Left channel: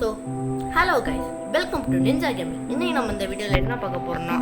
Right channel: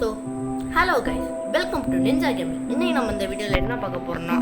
So hello guys, welcome to ninja gaming. இன்றைக்கி நம்ம இந்த வீடியோவில் என்ன பார்க்க போகிறோம்னா,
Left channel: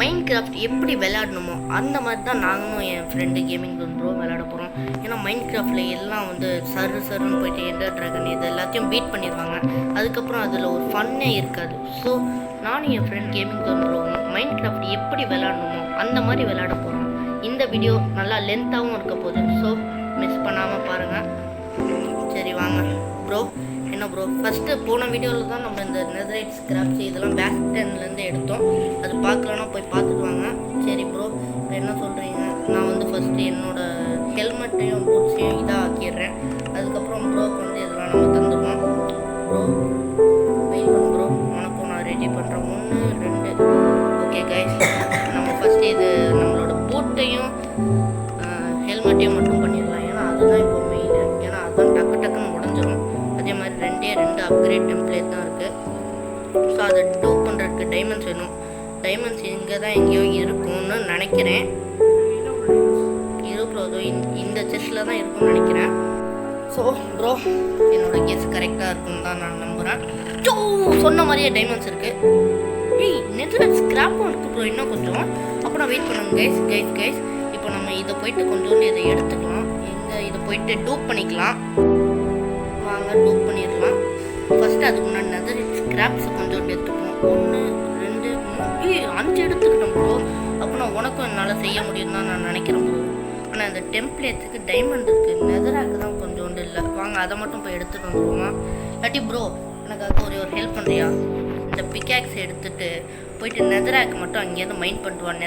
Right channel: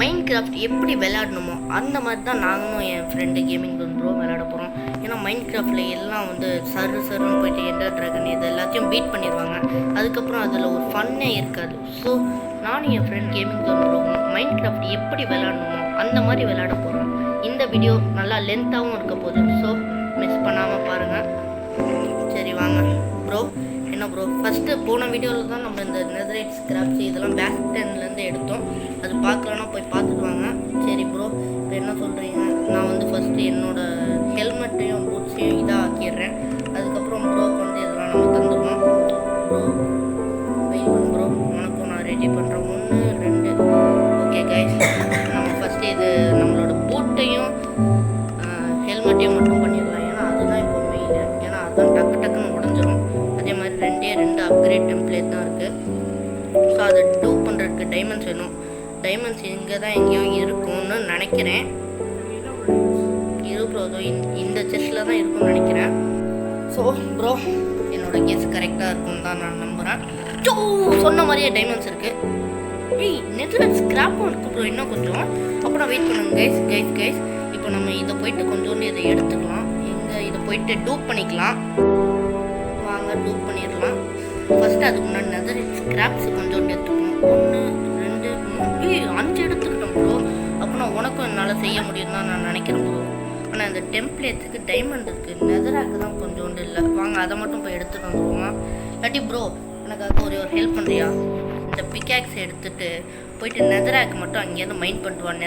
மைண்ட் கிராஃப்ட் எப்படி விளையாடணுமோ அந்த மாதிரி தான் நாங்களும் என் ஃப்ரெண்டு கேமிங் ப்ரோ விளையாட போகிறோம். ஏன்னா மைண்ட் கிராஃப்டில் எல்லாம் வந்து சருன்னு போயிட்டு எண்டர் ட்ராகன் இது எல்லாத்தையும் பீட் பண்ணிடுவாங்க. அதுக்கப்புறம் அதில் ஒரு ஃபன்னே இருக்காது. ஸோ நானும் என் ஃப்ரெண்ட் கேமிங் ப்ரோவும் மைண்ட் கிராஃப்ட் எப்படி விளையாடணுமோ அந்த மாதிரி விளையாட போகிறோம். இந்த வீடியோ நல்லா லென்த்தாகவும் இருக்க போகுது. ஸோ மிஸ் பண்ணாமல் பாருங்கள். சரி வாங்க ப்ரோ. என்ன ப்ரோ, ஃபஸ்ட்டு போன வீடியோவில் தான் நம்ம இந்த நெதரைட் ஸ்கிராப்ஸ் இதெல்லாம் பேக் டென்லேருந்து எடுத்தோம். அது பார்க்கலன்னா போய் பார்த்துட்டு வாங்க. சரி ப்ரோ, இப்போ என்ன சொல்கிறீங்க? நான் வந்து ஃபஸ்ட்டு என்னோடய ஹெல்மெட்டையும் பூட்ஸையும் இதாக ஆக்கிடுறேன். அதுக்கப்புறம் ப்ரோக்கு வந்து இதெல்லாம் நம்ம தந்துடுவோம். ப்ரோ வெயிட் பண்ணு ப்ரோ, உனக்கும் நான் ரெடி பண்ணுறேன். 1 2 ஓகே கைஸ், நம்ம ஃபஸ்ட்டு இது நம்மளோட பூட்டையும் ஹெல்மெட்டையும் மட்டும் பண்ணிடலாம். ஏன்னா அதுதான் இப்போ மெயின். ஏன்னா அதுதான் டக்குன்னு உடஞ்சிரும். அதே மாதிரி 2 அப்கிரேட் டெம்ப்ளேட் தான் இருக்குது. ஸோ அதை டூ பண்ணுறதுக்கு டைமண்ட்ஸ் வேணும். டைமண்ட்ஸ் இங்கே தான் எங்கேயோ இருக்கும்னு நினைக்கிறேன். ப்ரோ அதோ இந்த செஸ்ட்டில் தான் இருக்கும்னு நினைக்கிறேன். ஸோ ப்ரோ, என்னோடய கெஸ் கரெக்டாக இருக்கும்னு தான் நான் நம்புகிறேன். ஸோ சொன்ன மாதிரியே டைமண்ட்ஸ் இருக்குது. நெதரைட் ஸ்கிராப்பும் இருக்குது ப்ரோ, இன்னும் கொஞ்சம். அப்புறம் வெயிட் பண்ணுங்க கைஸ். இப்போ நம்ம இதை போயிட்டு கொஞ்சோண்டு இதை எடுத்துக்கலாம். இதை போயிட்டு டூப் பண்ணிக்கலாம். வாங்க டூப் பண்ணிடலாம். ஃபஸ்ட்டு அதுக்கு முன்னாடி நெதரைட் ஸ்கிராப்ஸ் கொஞ்சோண்டு எடுத்துக்கணும். 1 2 3 5 எடுத்துக்கிட்டோம் ப்ரோ. அப்போ நான் உனக்கும் என்னால் செய்ய முடியும் தான் நான் நினைக்கிறேன் ப்ரோ. ஆனால் இந்த டெம்ப்ளேட்ஸுக்கு டைமண்ட் இருக்குது, நெதராக்கு தான் கொஞ்சோண்டு இல்லை. வாங்க அதை மட்டும் போய் எடுத்துகிட்டு வந்துடுவோமா? இல்லாட்டி ப்ரோ எனக்காக ஒரு ஹெல்ப் பண்ணுறியா? இந்த பிக்காக்ஸ் எடுத்துகிட்டு போயிட்டு நெதராக் மட்டும் அங்கேருந்து மைண்ட் பண்ணிட்டுவான்.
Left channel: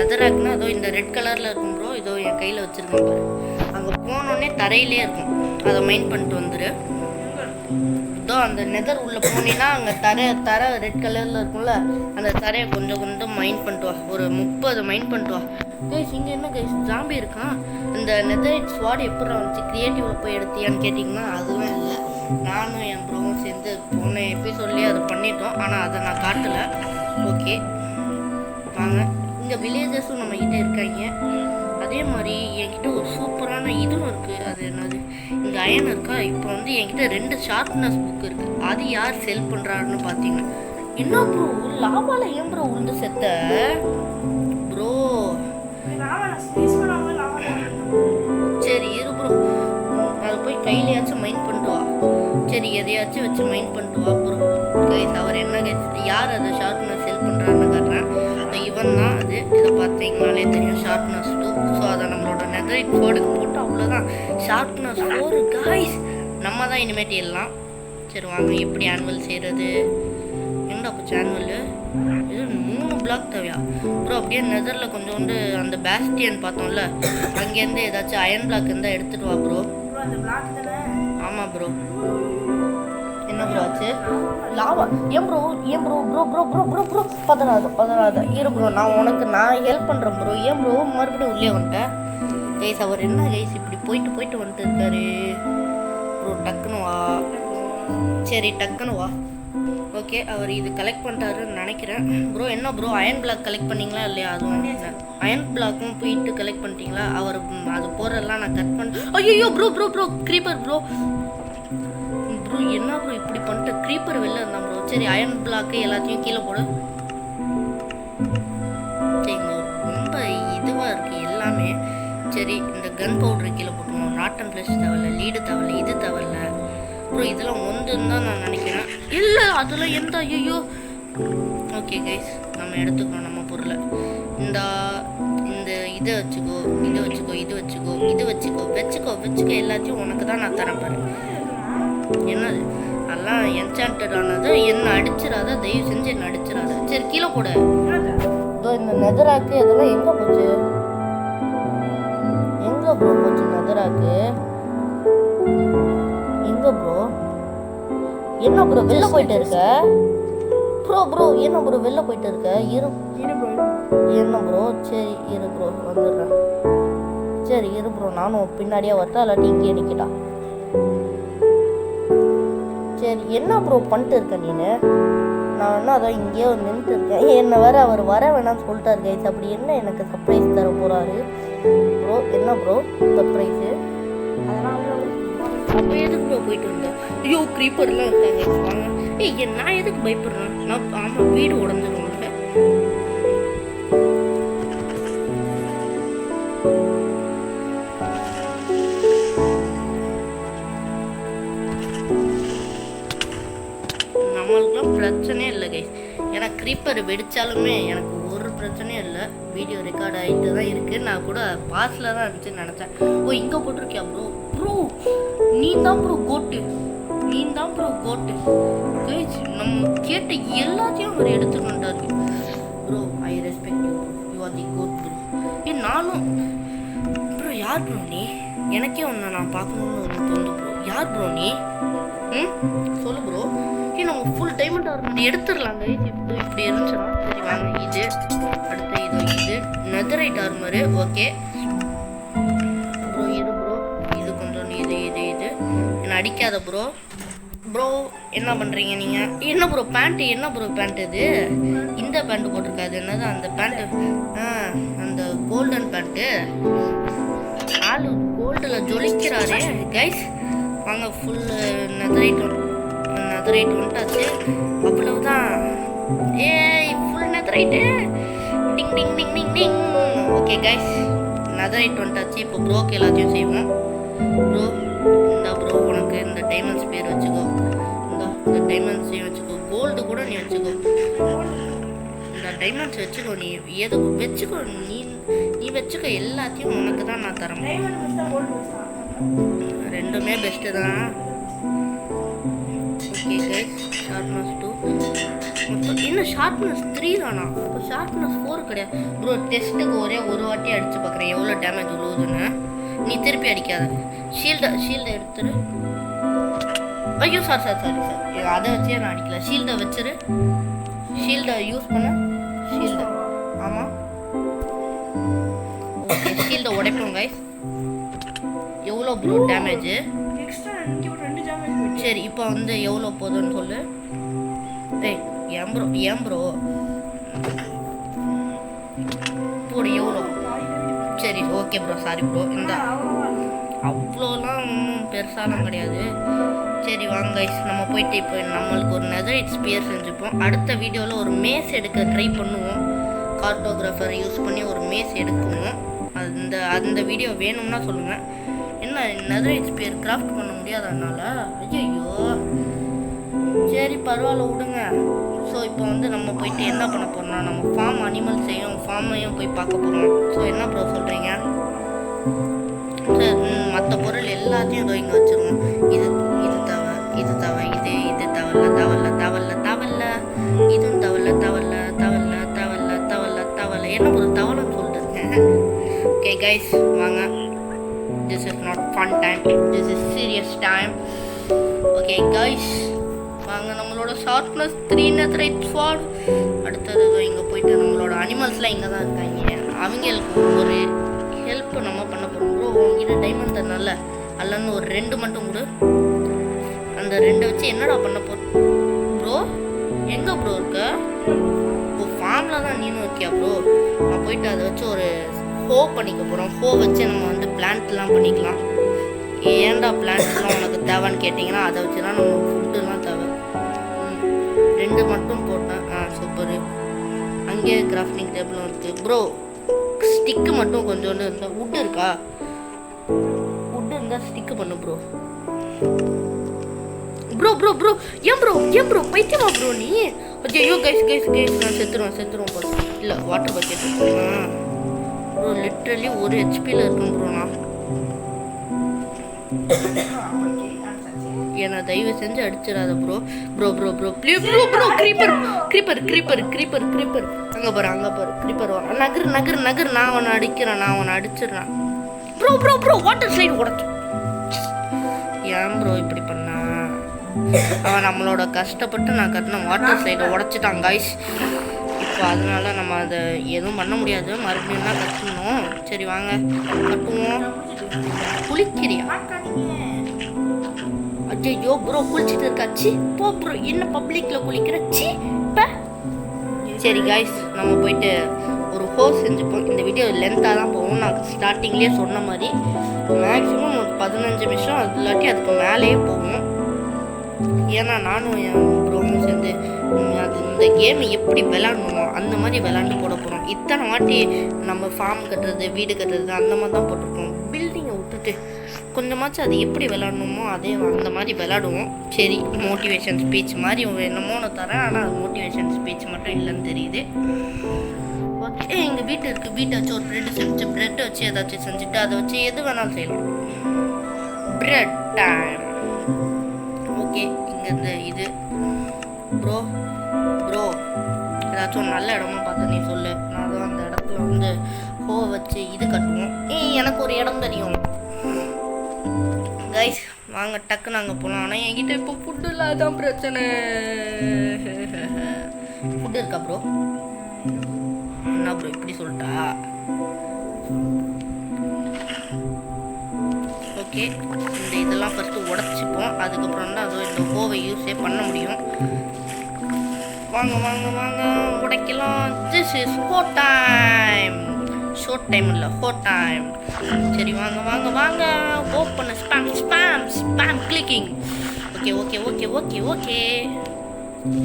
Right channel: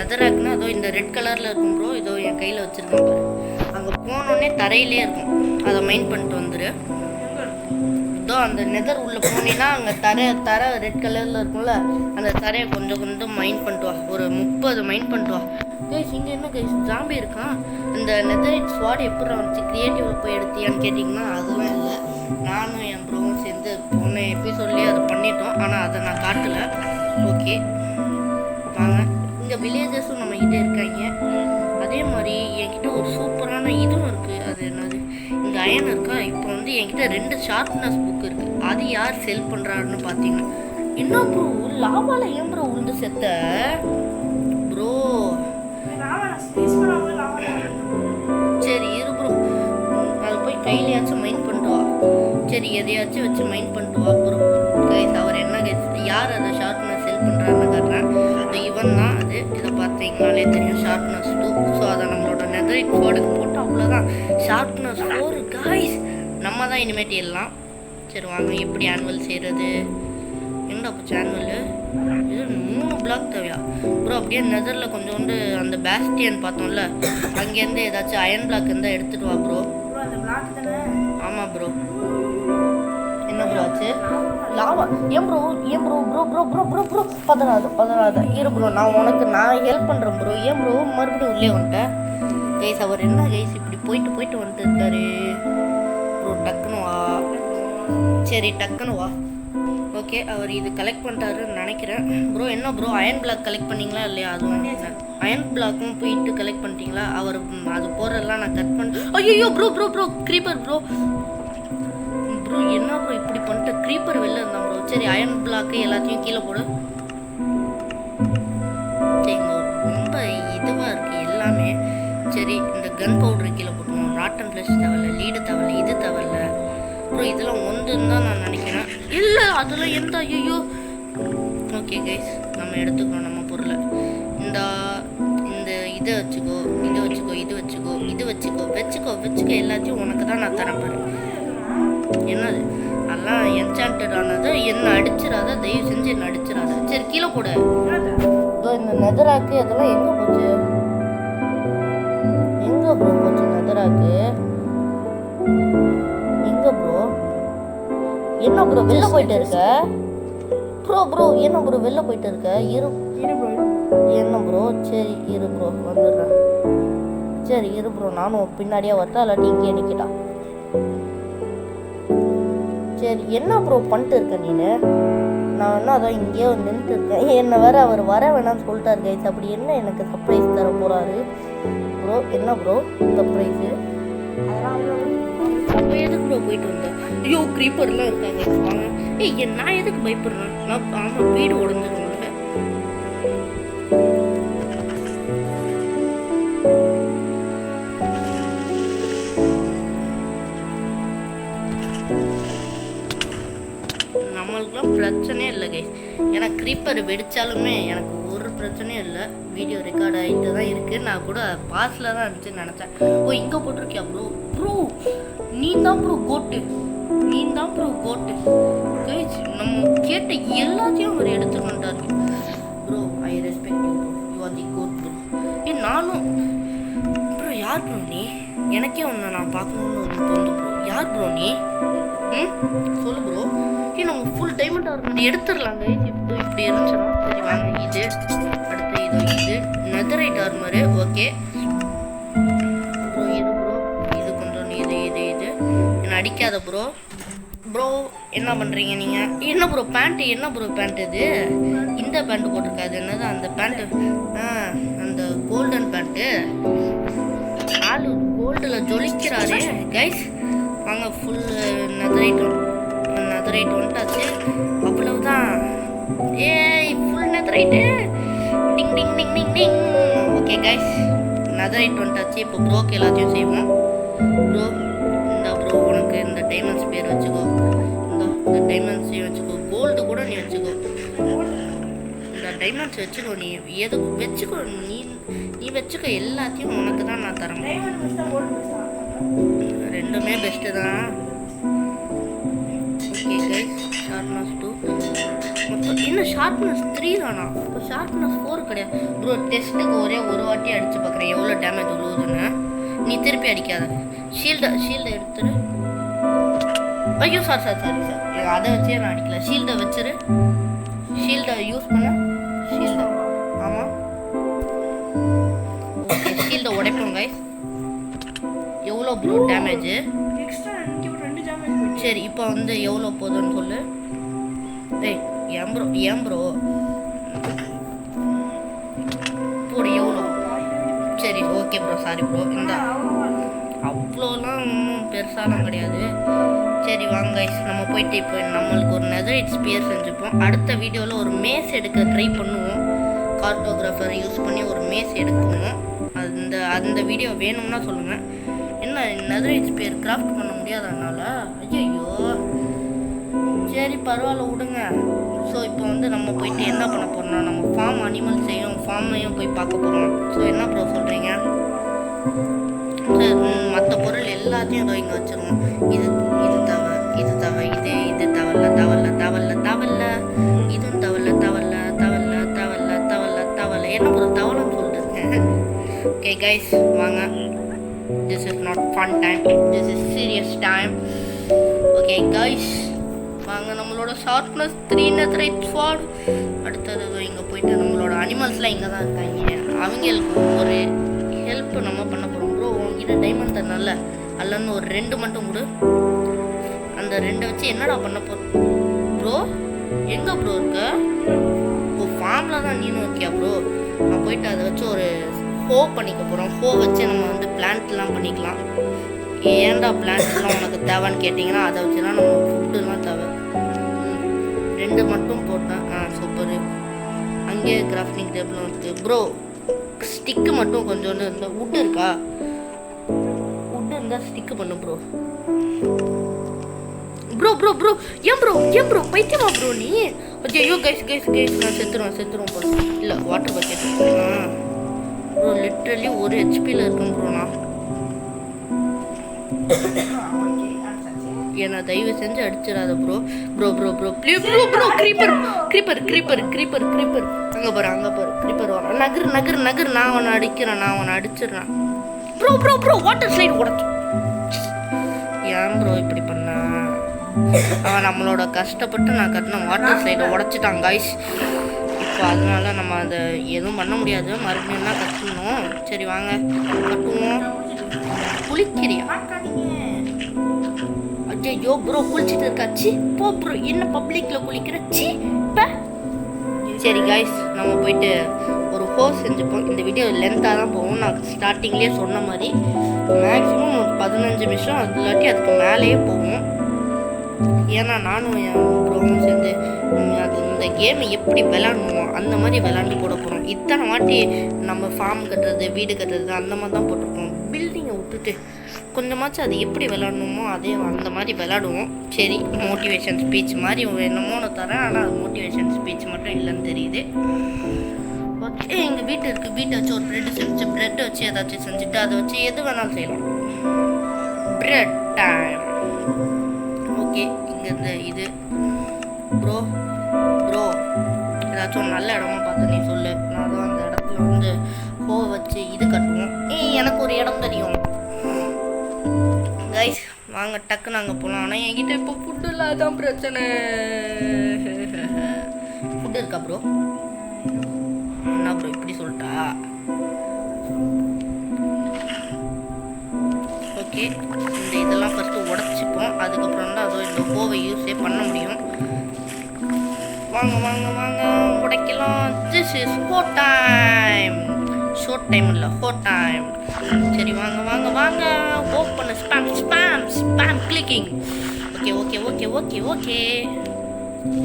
நெதராக்னா அதோ இந்த ரெட் கலரில் இருக்கும் ப்ரோ. இதோ என் கையில் வச்சுருக்கேன் பாரு. அங்கே போனோடனே தரையிலே இருக்கும். அதை மைண்ட் பண்ணிட்டு வந்துடு. இதோ அந்த நெதர் உள்ளே போனீங்கன்னா அங்கே தரை ரெட் கலரில் இருக்கும்ல, அந்த தரையை கொஞ்சம் மைண்ட் பண்ணிட்டு வா. ஒரு 30 மைண்ட் பண்ணிட்டு வா. கைஸ் இங்கே என்ன கைஸ் ஜாம்பி இருக்கான். அந்த நெதரைட் ஸ்வாட் எப்படி வந்துச்சு, க்ரியேட்டிவில் போய் எடுத்தியான்னு கேட்டிங்கன்னா அதெல்லாம் இல்லை. நானும் என் ப்ரோவும் சேர்ந்து போன எபிசோட்லேயே அதை பண்ணிட்டோம். ஆனால் அதை நான் காட்டலை. ஓகே வாங்க. இங்கே வில்லேஜஸும் நம்மக்கிட்ட இருக்காங்க. அதே மாதிரி என்கிட்ட ஒரு சூப்பரான இதுவும் இருக்குது. அது என்னது, இங்கே அயன் இருக்கா. இப்போ வந்து என்கிட்ட 2 ஷார்ப்னஸ் புக் இருக்குது. அது யார் செல் பண்ணுறாருன்னு பார்த்தீங்கன்னா, என்ன ப்ரோ லாவால ஏன் ப்ரோ உளுந்து செத்த ப்ரோ? சரி இரு ப்ரோ, அது போய் கையிலையாச்சும் மைண்ட் பண்ணிட்டு வா. சரி எதையாச்சும் வச்சு மைண்ட் பண்ணிட்டு வா ப்ரோ. கைஸ் அவர் என்ன கைஸ் யார் அதை ஷார்ப்னஸ் செல் பண்ணுறாருன்னு காட்டுறேன். இவன் தான் அது. இதை பார்த்தீங்கனாலே தெரியும், ஷார்ப்னஸ் 2. ஸோ அதை நம்மளோட நெதரைட் ஸ்வாடுக்கு போட்டு அவ்வளோதான். ஷார்ப்னஸ் 4 கைஸ், நம்ம தான் இனிமேட்டு எல்லாம். சரி வாங்க, எப்படி ஆனுவல் செய்கிறது? எங்கடா போச்சு ஆனுவல்? இது 3 பிளாக் தேவையா ப்ரோ? அப்படியே நெதரில் கொஞ்சோண்டு அந்த பேஸ்டியன் பார்த்தோம்ல, அங்கேருந்து ஏதாச்சும் அயன் பிளாக் இருந்தால் எடுத்துகிட்டு வா ப்ரோ. ஆமாம் ப்ரோ. என்ன ப்ரோ ஆச்சு? லாவா ஏன் ப்ரோ பதறாத இரு ப்ரோ. நான் ஹெல்ப் பண்ணுறேன் ப்ரோ. ஏன் ப்ரோ மறுபடியும் உள்ளே வந்துட்டேன்? கைஸ் அவர் என்ன கைஸ் இப்படி போயிட்டு வந்துட்டு இருக்காரு ப்ரோ? டக்குன்னு வா. சரி டக்குன்னு வா. ஓகே அவர் இது கலெக்ட் பண்ணிட்டாருன்னு நினைக்கிறேன் ப்ரோ. என்ன ப்ரோ அயன் பிளாக் கலெக்ட் பண்ணிங்களா இல்லையா? அதுவும் அயன் பிளாக்கும் போயிட்டு கலெக்ட் பண்ணிட்டீங்களா? அவர் அது போகிறதெல்லாம் நான் கட் பண்ண. ஐயோ ப்ரோ க்ரீப்பர் ப்ரோ என்ன ப்ரோ இப்படி பண்ணிட்டு க்ரீப்பர் வெளில இருந்தான் ப்ரோ. சரி அயன் பிளாக்கு எல்லாத்தையும் கீழே போடு. சரிங்க, ரொம்ப இதுவாக இருக்குது எல்லாமே. சரி இந்த கன் பவுட்ரு கீழே போட்டுருவோம். ராட்டன் ஃப்ளஷ் தேவையில்ல, லீடு தேவையில்ல, இது தேவையில்ல ப்ரோ. இதெல்லாம் ஒன்றுன்னு தான் நான் நினைக்கிறேன். இல்லை அதெல்லாம் எந்த ஐயோ. ஓகே கைஸ், நம்ம எடுத்துக்கிறோம் நம்ம பொருளை. இந்த இதை வச்சுக்கோ, இது வச்சுக்கோ எல்லாத்தையும் உனக்கு தான் நான் தரேன் பாரு. என்னது அதெல்லாம் என்சாண்டட் ஆனது. என்ன அடிச்சிடாத, தயவு செஞ்சு என்ன அடிச்சிடாத. சரி கீழே போடு. இதோ இந்த நெதராக்கு அதெல்லாம் எங்கே போச்சு நெதராக்கு? எங்க ப்ரோ? என்ன ப்ரோ வெளில போயிட்டு இருக்க ப்ரோ? என்ன ப்ரோ வெளில போயிட்டு இருக்க? என்ன ப்ரோ? சரி இரு ப்ரோ வந்துடுறேன். சரி இரு ப்ரோ, நானும் பின்னாடியே வரட்டா இல்லாட்டி இங்கேயே நிற்கிட்டா? சரி என்ன ப்ரோ பண்ணிட்டு இருக்க நீனு? நான் என்ன அதான் இங்கேயே நின்றுட்டு இருக்கேன். என்னை வேற அவர் வர வேணாம்னு சொல்லிட்டாரு கைஸ். அப்படி என்ன எனக்கு சர்ப்ரைஸ் தர போகிறாரு ப்ரோ? என்ன ப்ரோ சர்ப்ரைஸு? அதெல்லாம் அப்போ எதுக்கு ப்ரோ போயிட்டு வந்தேன்? ஐயோ க்ரீப்பர்லாம் இருக்காங்க வாங்க. ஏய் நான் எதுக்கு பயப்படுறேன்? நான் ஆமாம் வீடு உடஞ்சிடும் உங்களுக்கு. நம்மளுக்குலாம் பிரச்சனையே இல்லை கைஸ். ஏன்னா க்ரீப்பர் வெடித்தாலுமே எனக்கு ஒரு பிரச்சனையும் இல்லை. வீடியோ ரெக்கார்ட் ஆகிட்டு தான் இருக்குது. நான் கூட பாஸில் தான் இருந்துச்சுன்னு நினச்சேன். ஓ இங்கே போட்டிருக்கியா ப்ரோ? ப்ரோ நீ தான் ப்ரோ கோட்டு. நீ தான் ப்ரோ கோட்டு கைஸ். நம்ம கேட்ட எல்லாத்தையும் அவர் எடுத்துட்டு வந்துட்டாரு bro. I respect you bro. You are the goat bro. நானும் ப்ரோ யார் ப்ரோ நீ? எனக்கே ஒன்று நான் பார்க்கணுன்னு ஒரு தோந்து ப்ரோ. யார் ப்ரோ நீ? சொல்லு ப்ரோ. நம்ம ஃபுல் டைமண்ட் ஆர்மர் எடுத்துடலாங்க. இப்படி இருந்துச்சுன்னா சரி வாங்க. இது அடுத்து இது நெதரைட் ஆர்மரு. Okay bro. இது ப்ரோ இது கொஞ்சம் இது என்ன அடிக்காத ப்ரோ. ப்ரோ என்ன பண்ணுறீங்க நீங்கள்? என்ன ப்ரோ பேண்ட்டு? என்ன ப்ரோ பேண்ட் இது? இந்த பேண்ட்டு போட்டிருக்காது என்னது அந்த பேண்ட்டு? அந்த கோல்டன் பேண்ட்டு. ஆளு கோல்டில் ஜொலிக்கிறாரே கைஸ். வாங்க ஃபுல் நெதரைட் வந்துட்டாச்சு. அவ்வளவுதான். ஏய் ஃபுல் நெதரைட்டு. டிங் டிங் டிங் டிங் டிங். ஓகே கைஸ் நெதரைட் வந்துட்டாச்சு. இப்போ ப்ரோக்கு எல்லாத்தையும் செய்வோம். ப்ரோ இந்த ப்ரோ உனக்கு இந்த டைமண்ட்ஸ் பேர் வச்சுக்கோ. இந்த டைமண்ட்ஸையும் வச்சுக்கோ. கோல்டு கூட நீ வச்சுக்கோ. இந்த டைமண்ட்ஸ் வச்சுக்கோ. நீ எதுக்கு வச்சுக்கோ. நீ வச்சுக்கோ. எல்லாத்தையும் உனக்கு தான் நான் தரேன். ரெண்டுமே பெஸ்ட்டு தான். ஓகே கைஸ் ஷார்ப்னஸ் 2 மொத்தம் இன்னும் ஷார்ப்னஸ் 3 தானா? இப்போ ஷார்ப்னஸ் 4 கிடையாது ப்ரோ. டெஸ்ட்டுக்கு ஒரே ஒரு வாட்டி அடித்து பார்க்குறேன் எவ்வளோ டேமேஜ் விழுவுதுன்னு. நீ திருப்பி அடிக்காத. ஷீல்டை எடுத்துரு. ஐயோ சாரி அதை வச்சே நான் அடிக்கல. ஷீல்டை வச்சிரு. ஷீல்டை யூஸ் பண்ண. ஷீல்டு ஆமாம். ஓகே ஷீல்டை உடைப்போம் கைஸ். எவ்வளோ ப்ரோ டேமேஜ்? சரி இப்போ வந்து எவ்வளோ போதுன்னு சொல்லு. ஏய் ஏன் ப்ரோ போடு எவ்வளோ? சரி ஓகே ப்ரோ சாரி ப்ரோ. இந்த அவ்வளோலாம் ஒன்றும் பெருசாலாம் கிடையாது. சரி வாங்க கைஸ் நம்ம போயிட்டு இப்போ நம்மளுக்கு ஒரு நெதரைட் ஸ்பியர் செஞ்சுப்போம். அடுத்த வீடியோவில் ஒரு மேஸ் எடுக்க ட்ரை பண்ணுவோம். கார்ட்டோகிராஃபர் யூஸ் பண்ணி ஒரு மேஸ் எடுக்குவோம். அந்த வீடியோ வேணும்னா சொல்லுங்கள். என்ன நெதரைட் ஸ்பியர் கிராஃப்ட் பண்ண முடியாதனால? ஐயோ சரி பரவாயில்ல விடுங்க. ஸோ இப்போ வந்து நம்ம போயிட்டு என்ன பண்ண போகிறோம்னா நம்ம ஃபார்ம் அனிமல்ஸையும் ஃபார்மையும் போய் பார்க்க போகிறோம். ஸோ என்ன ப்ரோ சொல்கிறீங்க? சரி மற்ற பொருள் எல்லாத்தையும் இதோ இங்கே வச்சுருவோம். இது தவ இது தவல்ல இதுவும் தவல்ல என்ன ப்ரோ தவளைன்னு சொல்லிட்டு இருக்கேன். ஓகே கைஸ் வாங்க. This is not fun time. This is serious time. Okay guys வாங்க நம்மளோட ஷார்ப்னஸ் 3 நெதரைட் ஸ்வார்ட். அடுத்தது இங்கே போயிட்டு நம்மளோட அனிமல்ஸ்லாம் இங்கே தான் இருக்காங்க. அவங்களுக்கு ஒரு ஹெல்ப் நம்ம பண்ண போகிறோம் ப்ரோ. உங்ககிட்ட டைமண்ட் தரனால அல்லன்னு ஒரு 2 மட்டும் கொடு. அந்த 2 வச்சு என்னடா பண்ண போகிறோம் ப்ரோ? எங்கே ப்ரோ இருக்க? ஓ ஃபார்மில் தான் நீனும் இருக்கியா ப்ரோ? நான் போயிட்டு அதை வச்சு ஒரு ஹோ பண்ணிக்க போகிறோம். ஹோ வச்சு நம்ம வந்து பிளான்ட்லாம் பண்ணிக்கலாம். ஏன்டா பிளான்ட்ஸ்லாம் உனக்கு தேவைன்னு கேட்டிங்கன்னா அதை வச்சு தான் நம்ம ஃபுட்டுலாம் தேவை. 2 மட்டும் போட்டேன். சூப்பரு. அங்கேயே கிராஃப்டிங் டேபிளும் இருக்குது ப்ரோ. ஸ்டிக்கு மட்டும் கொஞ்சோண்டு இருந்தால் வுட்டு இருக்கா? வுட்டு இருந்தால் ஸ்டிக்கு பண்ணு ப்ரோ. ஏன் ப்ரோ பைத்தியமா ப்ரோ நீ? ஐயோ கைஸ் நான் செத்துருவேன் ப்ரோ. இல்லை வாட்டர் பக்கெட் ப்ரோ. லிட்ரலி 1 ஹெச்பியில் இருக்கேன் ப்ரோ நான். ஏன்னா தயவு செஞ்சு அடிச்சிடாத ப்ரோ. Please bro. க்ரீப்பர் அங்கே பாரு க்ரீப்பர் வரும். நகர் நான் உன்னை அடிச்சிடுறேன் ப்ரோ. வாட்டர் ஸ்லைடு உடச்சு. ஏன் ப்ரோ இப்படி பண்ண? அவன் நம்மளோட கஷ்டப்பட்டு நான் கட்டின வாட்டர் ஸ்லைடை உடச்சிட்டான் காய்ஸ். இப்போ அதனால நம்ம அதை எதுவும் பண்ண முடியாது. மறுபடியும் தான் கட்டணும். சரி வாங்க கட்டுவோம். குளிக்கிறியா? ஐயோ ப்ரோ குளிச்சுட்டு இருக்காச்சு. போ ப்ரோ. என்ன பப்ளிக்கில் குளிக்கிற? சி சரி காய்ஸ் நம்ம போயிட்டு ஒரு ஹோஸ் செஞ்சுப்போம். இந்த வீடியோ லென்த்தாக தான் போகும். நான் ஸ்டார்டிங்லேயே சொன்ன மாதிரி மேக்ஸிமம் ஒரு 15 நிமிஷம் அது இல்லாட்டி அதுக்கு மேலேயே போகும். ஏன்னா நானும் என் ப்ரோவும் சேர்ந்து அது இந்த கேமை எப்படி விளாடணுமோ அந்த மாதிரி விளாண்டு போட போகிறோம். இத்தனை வாட்டி நம்ம ஃபார்ம் கட்டுறது, வீடு கட்டுறது அந்த மாதிரி தான் போட்டிருக்கோம். பில்டிங்கை விட்டுட்டு கொஞ்சமாச்சும் அது எப்படி விளாடணுமோ அதே அந்த மாதிரி விளாடுவோம். சரி, மோட்டிவேஷன் ஸ்பீச் மாதிரி என்னமோ நான் தரேன், ஆனால் அது மோட்டிவேஷன் ஸ்பீச் மட்டும் இல்லைன்னு தெரியுது. ஓகே, எங்கள் வீட்டு இருக்குது. வீட்டை வச்சு ஒரு ப்ரெட்டு செஞ்சு, ப்ரெட்டை வச்சு ஏதாச்சும் செஞ்சுட்டு அதை வச்சு எது வேணாலும் செய்யலாம். Bread time. ஓகே, இங்கே இது ப்ரோ ஏதாச்சும் ஒரு நல்ல இடமா பார்த்து நீ சொல்லு. நான் தான் அந்த இடத்துல வந்து வச்சு இது கட்டுவோம். எனக்கு ஒரு இடம் தெரியும் கைஸ், வாங்க டக்குன்னு அங்கே போகலாம். ஆனால் என்கிட்ட இப்போ ஃபுட்டு இல்லாதான் பிரச்சனை. ஃபுட்டு இருக்கா ப்ரோ? என்ன ப்ரோ இப்படி சொல்லிட்டா? ஓகே, இந்த இதெல்லாம் ஃபஸ்ட்டு உடச்சிப்போம். அதுக்கப்புறம் தான் அதோ இந்த ஹோவை யூஸே பண்ண முடியும். வாங்க வாங்க வாங்க உடைக்கலாம். திஸ் இஸ் ஹோ டைம். ஷோர்ட் டைம் இல்லை, ஹோ டைம். சரி வாங்க வாங்க வாங்க open spam spam spam clicking. Okay okay okay okay okay.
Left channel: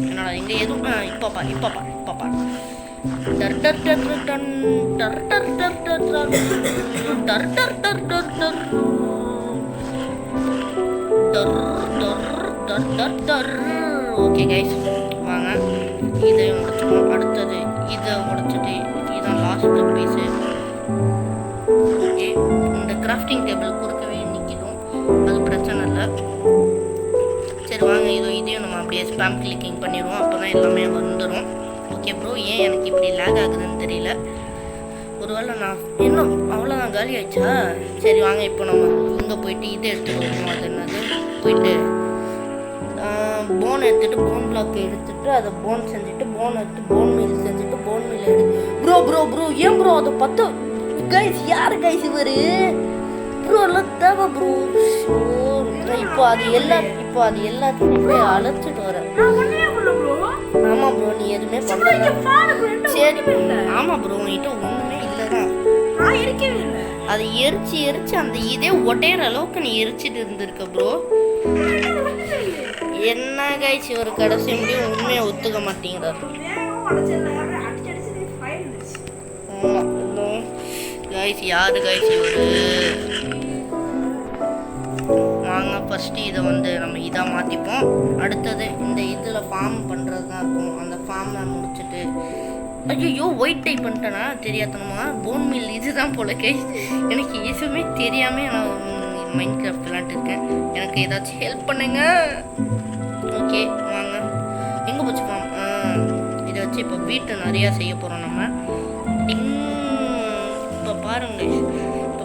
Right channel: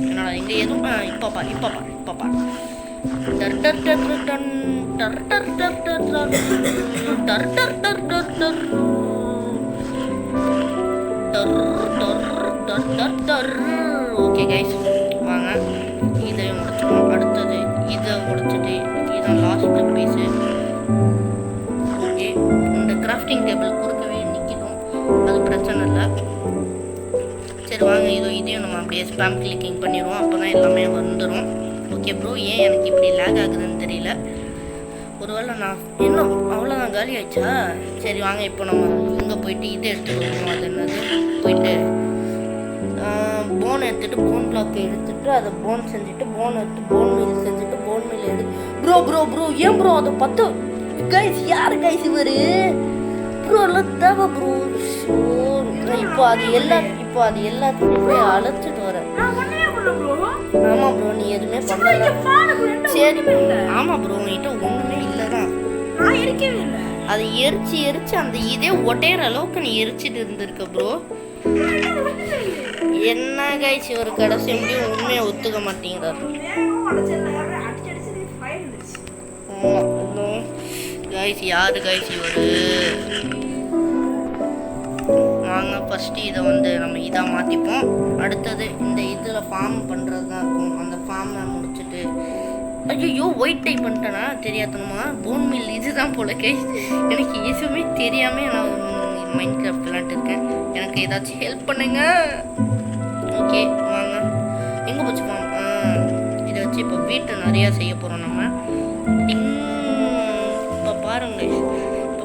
என்னடா இங்கே எதுவும் இப்போ பாரு. டர் டர் டர் டன் டர் டர் டர் டர் டர் டர் டர் டர் டர் டர் டர் டர் டர் டர். ஓகே கைஸ், வாங்க இதையும் உடைச்சிப்போம். அடுத்தது இதை உடைச்சிட்டு இதுதான் லாஸ்ட்டு பீஸு. ஓகே, இந்த கிராஃப்டிங் டேபிள் குறுக்கவே நிற்கிடும், அது பிரச்சனை இல்லை. சரி வாங்க, இதையும் நம்ம அப்படியே ஸ்பேம் கிளிக்கிங் பண்ணிடுவோம். அப்போ தான் எல்லாமே வந்துடும். ஓகே ப்ரோ, ஏன் எனக்கு இப்படி லேக் ஆகுதுன்னு தெரியல. ஒருவேளை நான் இன்னும் அவ்வளோதான் காலி ஆயிடுச்சா? சரி வாங்க, இப்போ நம்ம இங்கே போயிட்டு இதை எடுத்துகிட்டு வருவோம். அது என்னது, போயிட்டு போன் எடுத்துகிட்டு போன் பிளாக் எடுத்துகிட்டு அதை போன் செஞ்சுட்டு போன் எடுத்து போன் மீல் செஞ்சுட்டு போன் மீல் ப்ரோ ஏன் ப்ரோ அதை 10 கைஸ்? யார் கைஸ் இவர்? ப்ரோ எல்லாம் தேவை ப்ரோ. இப்போ அது எல்லாத்தையும் இப்போ அழைச்சிட்டு வரேன். ஆமாம் ப்ரோ, நீ எதுவுமே பண்ணல. சரி, ஆமாம் ப்ரோ, உன்கிட்ட ஒன்றுமே இல்லைதான். அதை எரிச்சு அந்த இதே ஒட்டையிற அளவுக்கு நீ எரிச்சிட்டு இருந்திருக்க ப்ரோ. என்ன கைஸ் ஒரு கடைசி முடியும் உண்மையை ஒத்துக்க மாட்டேங்கிறார். கைஸ் யாரு கைஸ் இவரு? வாங்க ஃபஸ்ட்டு இதை வந்து நம்ம இதாக மாற்றிப்போம். அடுத்தது இந்த இதில் ஃபார்ம் பண்ணுறது தான் இருக்கும். அந்த ஃபார்மை முடிச்சுட்டு ஐயோ ஒயிட் டைப் பண்ணிட்டேனா தெரியாதனமா? போன் மில் இதுதான் போல கைஸ். எனக்கு எதுவுமே தெரியாமல் நான் மைண்ட் கிராஃப்ட் விளாண்டுருக்கேன். எனக்கு ஏதாச்சும் ஹெல்ப் பண்ணுங்க. ஓகே வாங்க, எங்கே போச்சு ஃபார்ம்? இதை வச்சு இப்போ வீட்டை நிறையா செய்ய போகிறோம் நம்ம. இப்போ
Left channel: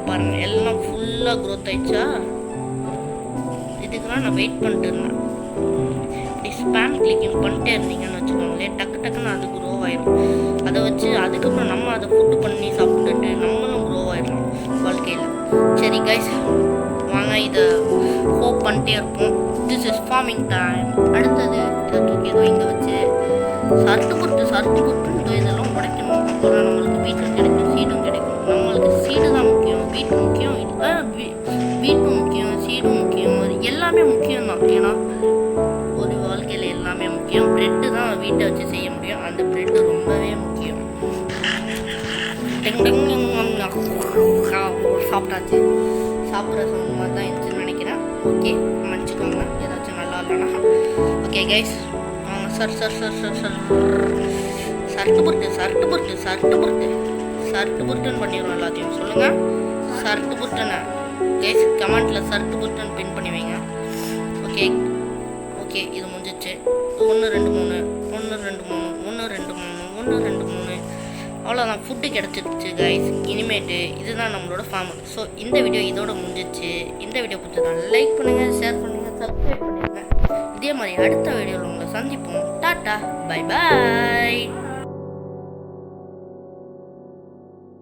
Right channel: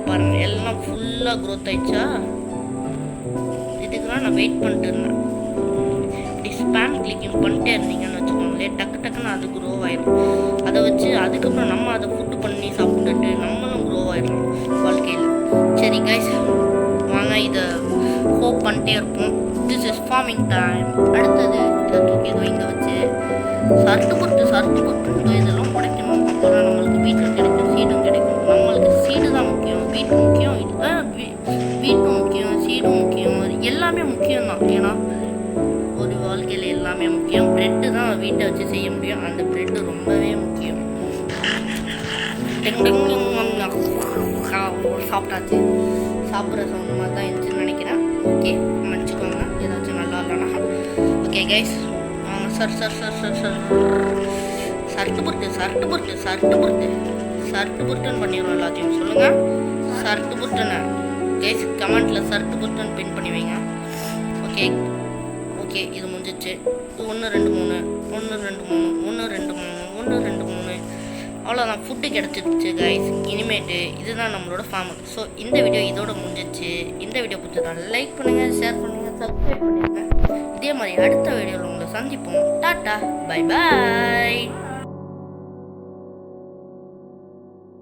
பாருங்கள் எல்லாம் ஃபுல்லாக க்ரோத் ஆயிடுச்சா? இதுக்கெல்லாம் நான் வெயிட் பண்ணிட்டு இருந்தேன். இப்படி ஸ்பேம் கிளிக்கிங் பண்ணிட்டே இருந்தீங்கன்னு வச்சுக்கோங்களேன், டக்குன்னு அது க்ரோ ஆயிடும். அதை வச்சு அதுக்கப்புறம் நம்ம அதை ஃபுட்டு பண்ணி சாப்பிட்டுட்டு நம்மளும் க்ரோ ஆயிடலாம் வாழ்க்கையில். சரி கைஸ் வாங்க, இதை ஹோப் பண்ணிட்டே இருப்போம். This is farming time. அடுத்தது இதை தூக்கி இங்கே வச்சு சர்ட்டு புட்டு இதெல்லாம் உடைக்கணும். அப்போ தான் நம்மளுக்கு வீட்டும் கிடைக்கும், சீடும் கிடைக்கும். நம்மளுக்கு சீடு தான் முக்கியம், வீட்டும் முக்கியம், சீடும் முக்கியம், எல்லாமே முக்கியம்தான். ஏன்னா ஒரு வாழ்க்கையில் எல்லாமே முக்கியம். ப்ரெட்டு தான் வீட்டை வச்சு செய்ய முடியும். அந்த ப்ரெட்டு ரொம்பவே முக்கியம். சாப்பிட்டாச்சு. சாப்பிட்ற சவுண்ட் மாதிரி தான் இருந்துச்சுன்னு நினைக்கிறேன். ஓகே, மன்னிச்சுக்கோங்க ஏதாச்சும் நல்லா இல்லைனா. ஓகே கைஸ் வாங்க. சர்ட்டு புருட்டுன்னு பண்ணிடுவோம் எல்லாத்தையும். சொல்லுங்கள் சர்ட்டு புருட்டுன்னு கைஸ், கமெண்ட்டில் சர்ட்டு புருட்டுன்னு பின் பண்ணி வைங்க. ஓகே இது முடிஞ்சிச்சு. 1 2 3 1 2 3 அவ்வளோதான், ஃபுட்டு கிடச்சிருச்சு கைஸ். இனிமேட்டு இதுதான் நம்மளோட ஃபார்ம். ஸோ இந்த வீடியோ இதோட முடிஞ்சிச்சு. இந்த வீடியோ பிடிச்சதா லைக் பண்ணுங்கள், ஷேர் பண்ணுங்கள், சப்ஸ்கிரைப் பண்ணிடுங்க. இதே மாதிரி அடுத்த வீடியோவில் உங்களை சந்திப்போம். Tata, bye bye.